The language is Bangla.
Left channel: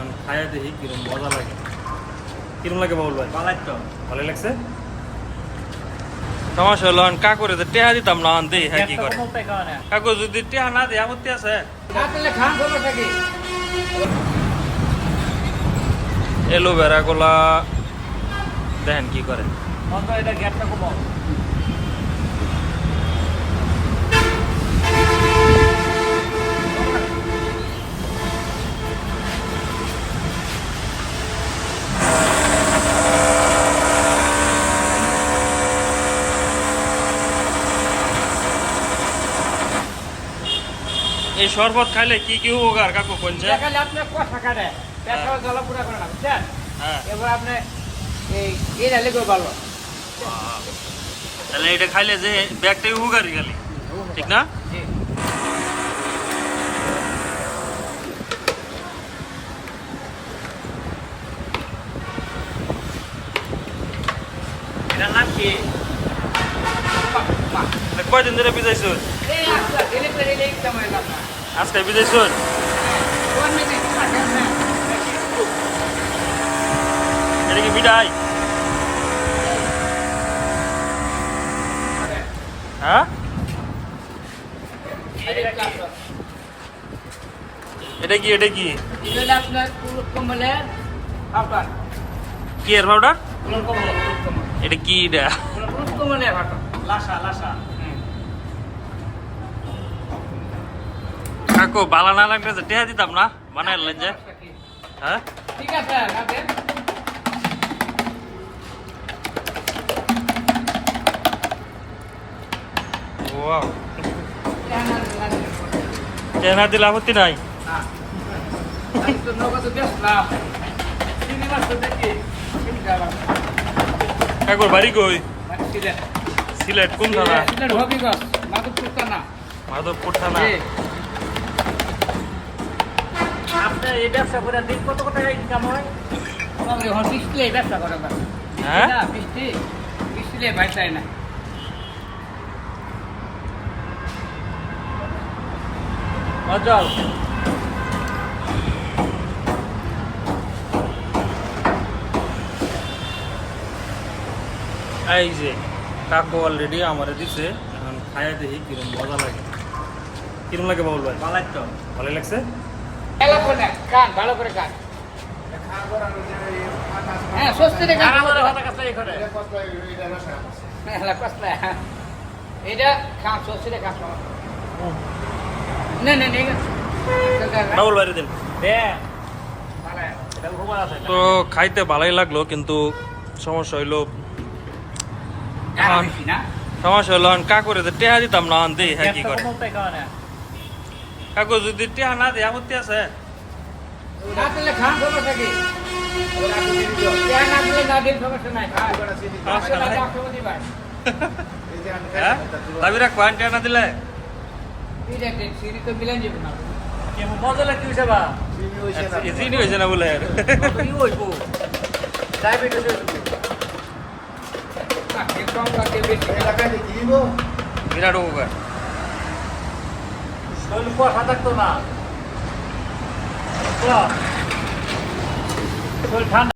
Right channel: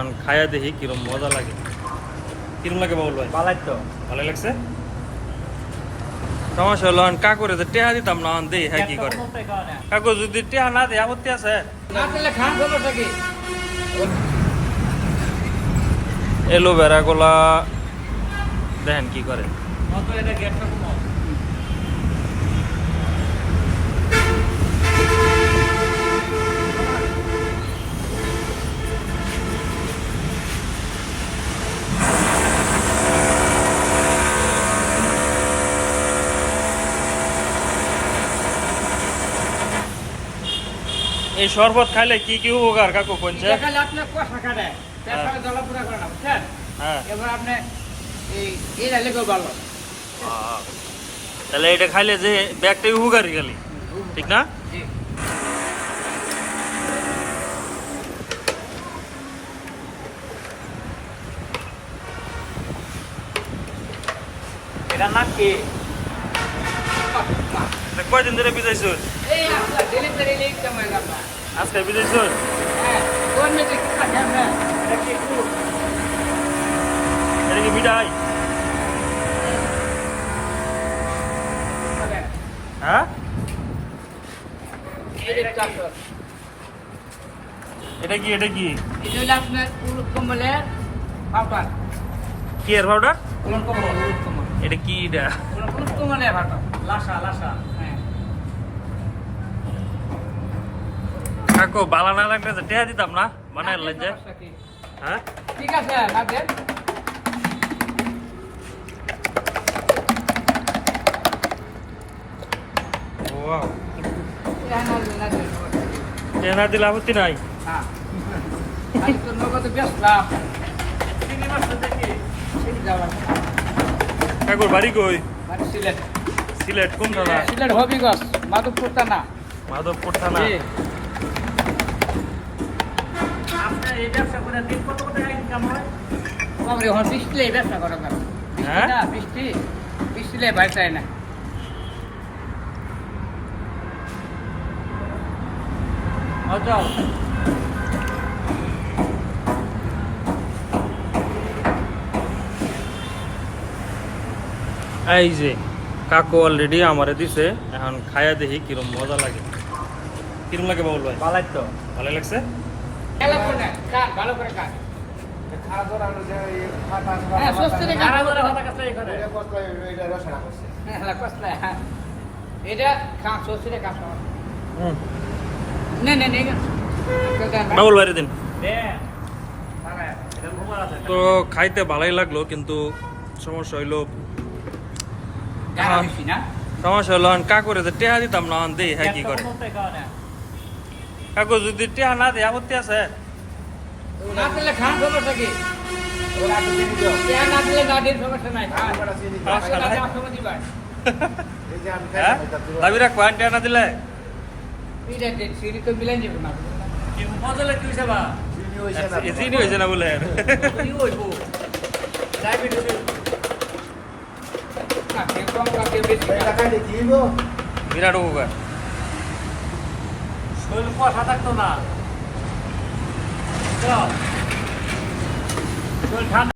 এখন খায়া দেখি কিরম মজা লাগে। কিরম লাগে বাবুল ভাই? ভালো লাগছে? সমস্যা হলো কাকুরে তো টেহা দিতাম না দেই হ্যাঁ কি করে? কাকু যদি টেহা না দেয়, আপত্তি আছে? এলোভেরা গুলা দেখেন কি করে। এই শরবত খাইলে কি কি উপকার কাকু কোনছে হ্যাঁ। এবার আপনি এই এই ডালে কেউ ভালো। তাহলে এটা খাইলে যে ব্যাগটাই উপকারী খালি। ঠিক না? জি। রান্না খেয়ে কয়দিন ধরে কামাই রান্না আজকে বিজাইছুন হ্যাঁ না হ্যাঁ এটা কি মিঠাই হ্যাঁ? এটা কি এটা কি? কি এর পাউডার এটা কি এটা? হ্যাঁ। কাকু বালা না লাগতেছে টেহা দিতাম না? বানাই যে। হ্যাঁ? ঠিক আছে না দেন। ওয়াও। না না দেন। টেহা দিলে আপত্তি নাই? কাকুর বাড়ি কই? সিলেট। সিলেট কোন থানা? সিলেট হবিগঞ্জ মাধবপুর থানা। মাধবপুর থানা। হয়? অজল। এই যে। কাকু অলরেডি আমারে দিছে এখন খায়া দেখি কিরম মজা লাগে। কিরম লাগে বাবুল ভাই? ভালো লাগছে তো খাইতে ভালোই লাগল কিন্তু সমস্যা হইল সমস্যা হলো কাকুরে তো টেহা দিতাম না দেই হ্যাঁ কি করে কাকু যদি টেহা না দেয় আপত্তি আছে ইয়া দিবা হ্যাঁ রাখব দিলে হয়েছে না বলে আর কি কইবো ডায়াবেটিস কাকে কম কাকে বেশি কাকে বিরাট উপকার শরীর কুয়াশা থাকতো না। শরীর ঠান্ডা।